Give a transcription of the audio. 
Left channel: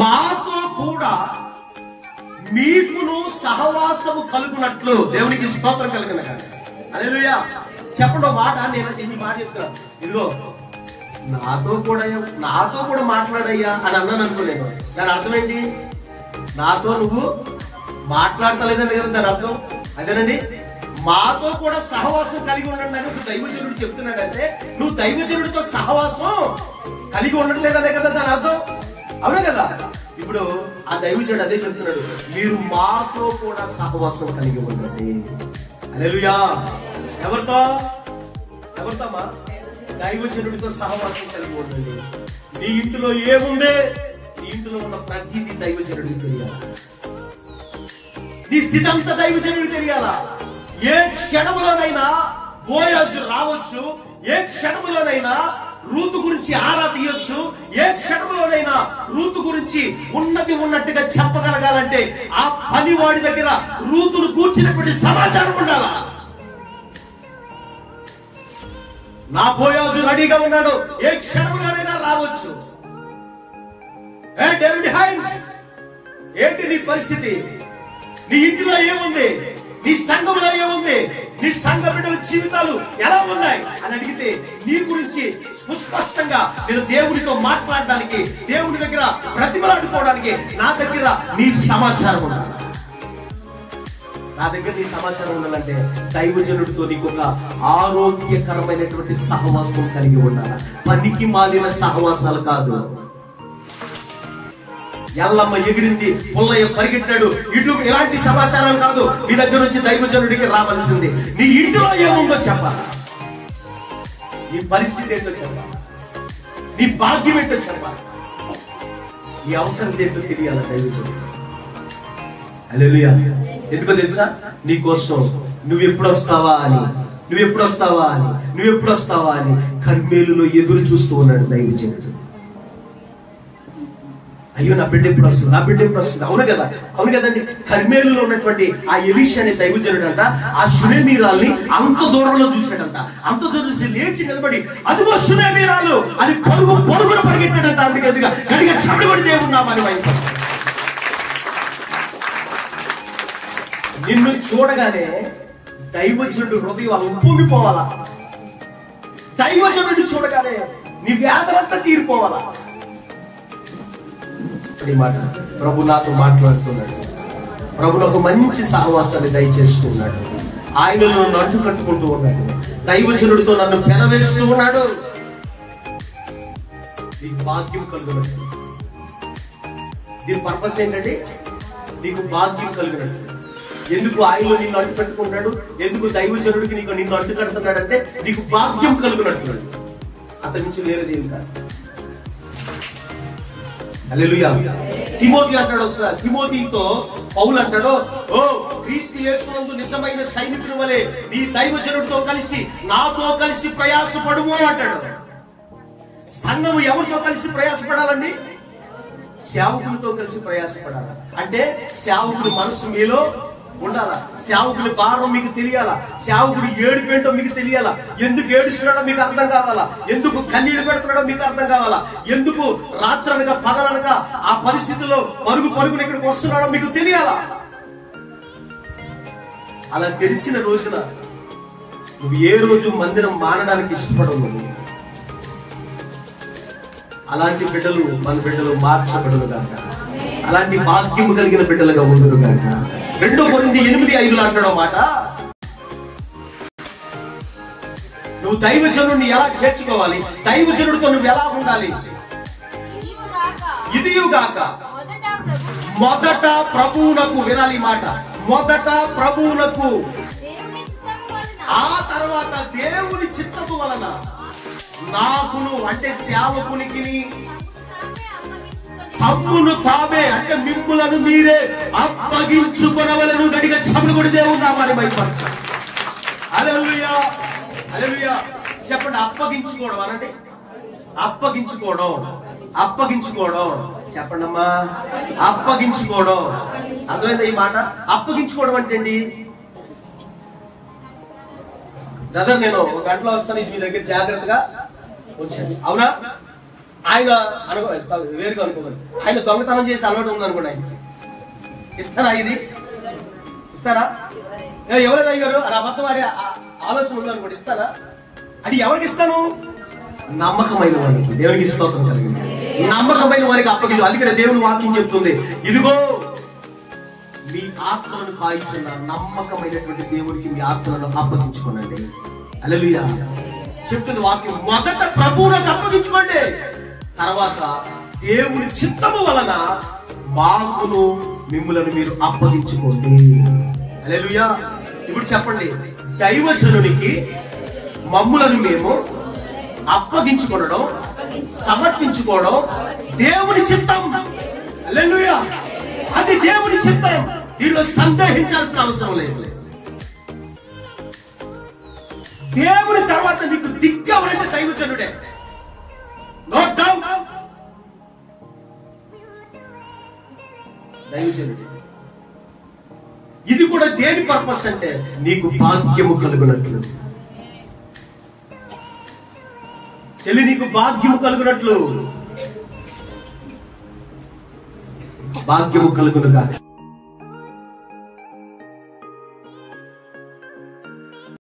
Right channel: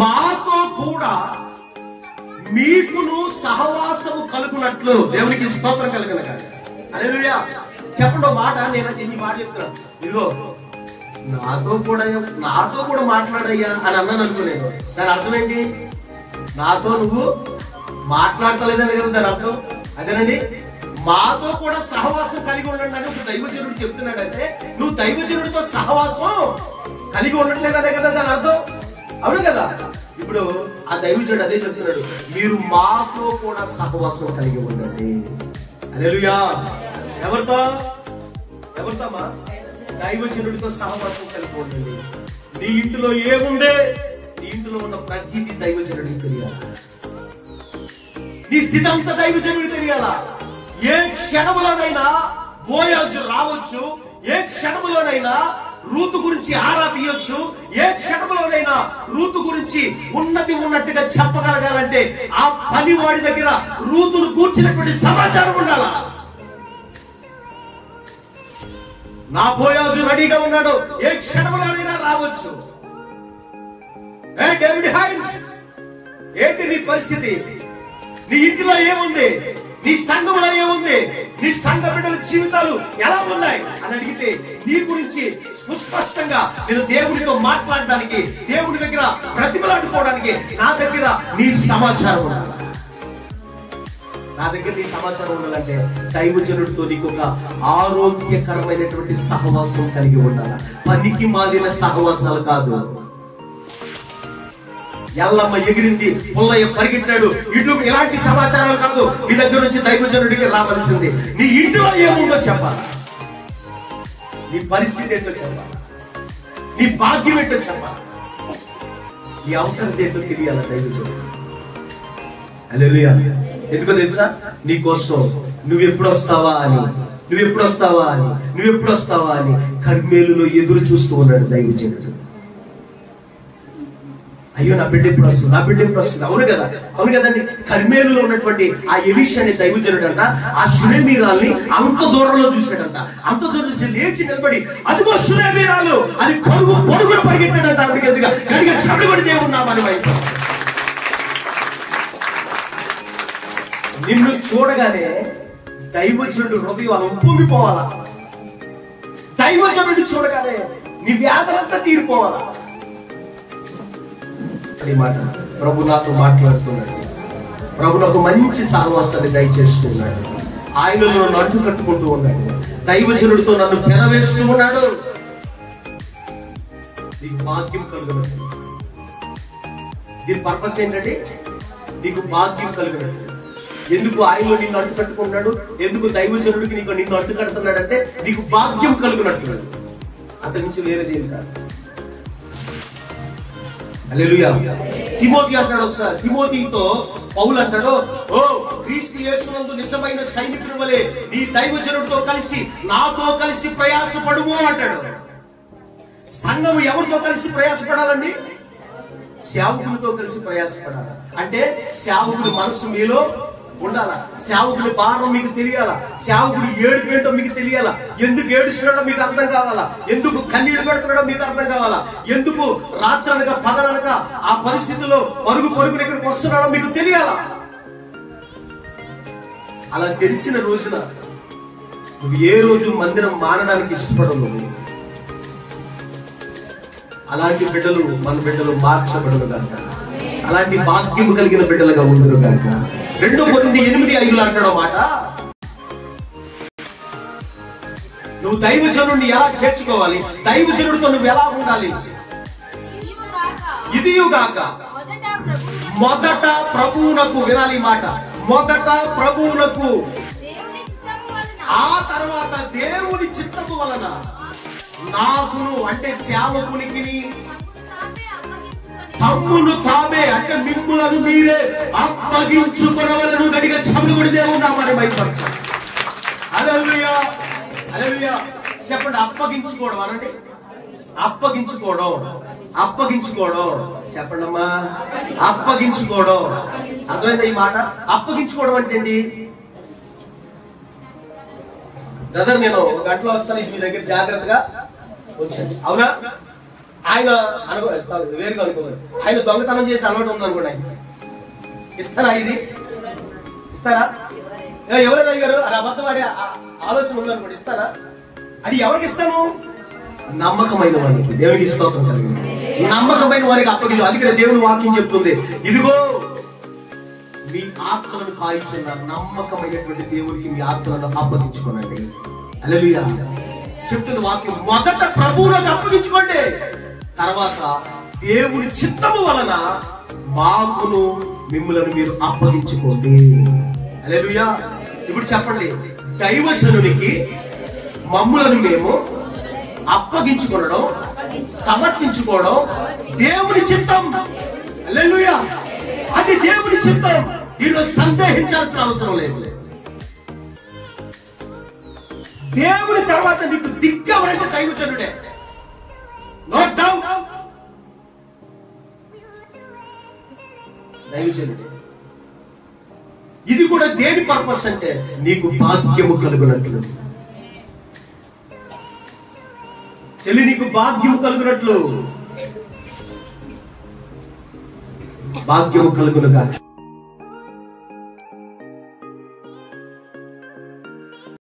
మాతో కూడా మీకును సహవాసము కలుగునట్లు దేవునికి స్తోత్రం కలిగిన హల్లెలూయా. చెప్పండి మాట. నేను ఈ మాట చెప్తున్నాను. ఇదిగో నాతో కూడా మాట్లాడయ్యా అని అన్నాను అనుకోలేదు. దాని అర్థం ఏంటి? నాతో నువ్వు మాట్లాడతలేదని లేదు దాని అర్థం. అదేనండి, మాతో కూడా సహవాసం కలిగి ఉండండి అని ఒక దైవజనుడు చెప్తున్నాడంటే నువ్వు దైవజనుడితో సహవాసం కలిగి ఉండట్లేదనే కదా దాని అర్థం. అవునా కదా? ఇప్పుడు ఆ దైవజనుడు అదే చెప్తున్నాడు, మీరు మాతో కూడా సహవాసం కలిగి ఉండండి. హల్లెలూయా. ఎవరితోమా? దైవజనుడితో సహవాసం కలిగి ఉండండి. నీ ఇంటిలో ఏముందే, నీ ఇంటిలో ఉన్న ప్రతిదీ దైవజనుడికి తెలియాలి. నీ స్థితి అంతా దైవజనుడికి తెలియాలా. ఏ క్షణంలోనైనా బోయాజు రావచ్చు, ఏ క్షణంలోనైనా రూతు గురించి ఆరా తీయొచ్చు, ఏ క్షణంలోనైనా రూతు గురించి ఉన్నది ఉన్నట్టుగా చెప్పగలగాలంటే ఆ పనివాడి దగ్గర రూతును కూర్చున్నటువంటి సమాచారం ఉండాలా. నా బోయాజు రెడీగా ఉన్నాడు, ఏ క్షణంలోనైనా రావచ్చు. ఏ డేవిడ్ హైన్స్, ఏంటి నీ పరిస్థితి? నీ ఇంటిలో ఏముంది? నీ సంఘంలో ఏముంది? నీ సంఘ బిడ్డల జీవితాలు ఎలా ఉన్నాయి అని అడిగితే నీ గురించి సుస్పష్టంగా నేను దేవుడితో మాట్లాడడానికి, దేవుడి దగ్గర ప్రతిమలాడుకోవడానికి నా దగ్గర నీ సమాచారం ఉండాలి. నా దగ్గర నీ సమాచారం ఉండాలంటే దైవజనుడితో నీకు ఒక ఆరోగ్యకరమైనటువంటి సహవాసం కలిగి ఉండాలి. పనికి మాలిన సహవాసాలు కాదు. ఎల్లమ్మ ఎగిరింది, పుల్లయ్య పరిగెట్టాడు, ఇటు ఎలాంటి సమాచారం కాదు. నీ దగ్గర నుంచి దైవజనుడికి రావాల్సింది నీ ఇంట్లో ఏముందో చెప్పాలి, నీ పరిస్థితి ఏంటో చెప్పాలి, నీ భాగ్యం ఏంటో చెప్పాలి, నీ అవసరం ఏంటో తెలియాలి దైవజనుడు. హల్లెలూయా. ఎందుకో తెలుసా? నీ కోసం నువ్వెప్పుడు వస్తావా అని కర్మేలులో ఎదురు చూస్తూ ఉన్నాడు దైవజనుడు. అయ్యో నా బిడ్డ ఎప్పుడు వస్తుంది. అవును కదండి. కర్మేలులో ఉన్నటువంటి ఆ ఎలీషా అనే దైవజనుడు అంట ఆ షునేమీరాల్ని అంత దూరంలో చూశాడంట. అంత దూరం చూసి లేచి నిలబడి అదిగో షునేమీరాలు అని పొడుగున పరిగెట్టాడంట. ఆవిడకి ఎదుగా గడిగా చడుబడి దేవున్నా మరి వైపు. నిన్ను చూడగానే దైవజనుడు హృదయం ఉప్పొంగిపోవాలా. దైవజనుడు చూడగానే నీ వ్యాధులంతా తీరిపోవాలా. మాట ప్రభు నాతో మాట్లాడుతున్నాడు. ప్రభు నాకు మంచి సహవాసాన్ని దయచేస్తున్నాడు. ఆయనలో నన్ను అడ్డు కట్టుకుంటూ ఉన్నాడు. దైవజనుడితో నన్ను పెనవేస్తూ ఉన్నాడు. నీకు భాగ్యం కలుగునట్టు. దీని పర్పస్ ఏంటంటే నీకు భాగ్యం కలుగునట్టు. ఎందుకు ఆయనలో నిన్ను అడ్డు కట్టుకుంటాడు? ఎందుకు దైవజనుడికి నిన్ను అడ్డు కడుతున్నాడంటే నీకు భాగ్యం కలుగునట్టు. అతని నుంచి వేరేది ఏం కాదు. హల్లెలూయా. తిమోతి అంటాడు ఒకసారి, తిమోతితో పౌలు అంటాడు, ఓ క్రీస్తు యేసునందు నిజమైన సైనికుని వలె నీ దైవజనుడితో కలిసి నాతో కలిసి ప్రయాసపడుము అంటాడు. సంఘము ఎవరితో కలిసి ప్రయాసపడాలండి? సేవకుడితో కలిసి ప్రయాసపడాలి. అంటే సేవకుడి మనసు మీలో ఉండాలా. సేవకుడి భారం మీకు తెలియాలా. సేవకుడి ఏడుపేంటో మీకు తెలియాలా. ఎందుకు ఏడుస్తున్నాడో మీకు అర్థం కావాలా. ఎందుకు కన్నీళ్లు పెడుతున్నాడో మీకు అర్థం కావాలా. ఎందుకు రాత్రనగా పగలనగా ఆ పరిస్థితుల్లో పరుగున ఇక్కడికి వస్తున్నాడో మీకు తెలియాలా. అలా తెలిసిన రోజున నువ్వు ఏ రోజు మందిరం మానడానికి ఇష్టపడవు. అలాంటి బిడ్డలు మన బిడ్డలు మార్చబడలు కాక, అలాంటి భాగ్యం కలిగిన బిడ్డలుగా ఉండరు కాక. 2 కొరింథీ 8:5 అంటాడో మాట, నువ్వు దైవజనుడిని ఎలా చేర్చుకోవాలి, దైవజనుడితో నువ్వు ఎలా ఉండాలి. ఇదియుగాక మొదట ప్రభువునకు, వినాలి మాట, మొదట ప్రభువునకు, ఆ తర్వాత దేవుని చిత్తము వలన నాకును, అంటే సేవకునికి తమ్మును తామే, అంటే మిమ్ములను మీరే అప్పగించుకొనవలెను. గట్టిగా చప్పట్లు కొట్టి దేవుని నామాన్ని మహిమపరచాలి. హల్లెలూయా, హల్లెలూయా. చెప్పండి, అప్పగించుకోవడం అనండి. అప్పగించుకోవడం చెప్పండి అమ్మా. అప్పగించుకోవడం అర్థమైందా ఈ మాట? అప్పగించుకోవడం అంటే ఏంటి? బ్రదర్ నేను 1 గంటలో వస్తాను, ఇది మీ దగ్గర జాగ్రత్తగా వచ్చండి. అవునా? ఆయన వేరుగా అనుకోవాలి, ఆయన దొంగతనం చేసి అలవాటు ఉందనుకోండి, ఆయన ఇస్తారా? ఇది ఇస్తారా? ఎవరైనా అయ్యారు అది అబద్ధం ఆడే ఆలోచన ఉందనుకోండి, ఇస్తారా? అది ఎవరికి ఇస్తాను? నమ్మకమైన వారికి. దేవునికి విశ్వాసం కలిగింది, నమ్మకమైన వారికి అప్పగించు. అది కూడా దేవుని వాక్యం చెప్తుంది, ఇదిగో మీ ఆత్మలను కాయించున్న నమ్మకమైనటువంటి దేవునికి మీ ఆత్మలను అప్పగించుకోనండి. హల్లెలూయా చెప్తుంది వాక్యం. మొదట ప్రభువులకు అప్పగించుకోండి, తర్వాత దేవుని చిత్తము వలన మాకును మిమ్ములను మీరు అప్పగించుకోండి. హల్లెలూయా. ఇప్పుడు చెప్పండి, దైవజనునికి మమ్ములను మేము అప్పగించుకోవడం, సమర్పించుకోవడం దేవుని చిత్తం. హల్లెలూయా. అది దేవుని చిత్తం, దీనిలో సందేహించాల్సిన అవసరం లేదు. దేవుని తర్వాత నీకు దిగ్గవరంటే దైవజనుడే, నో డౌట్. దైవజనుడు. ఇది కూడా దేని పర్పస్ అంటే నీకు భాగ్యము కలుగునట్లు. చెల్లి, నీకు భాగ్యము కలుగునట్లు, భాగ్యము కలుగునుగా.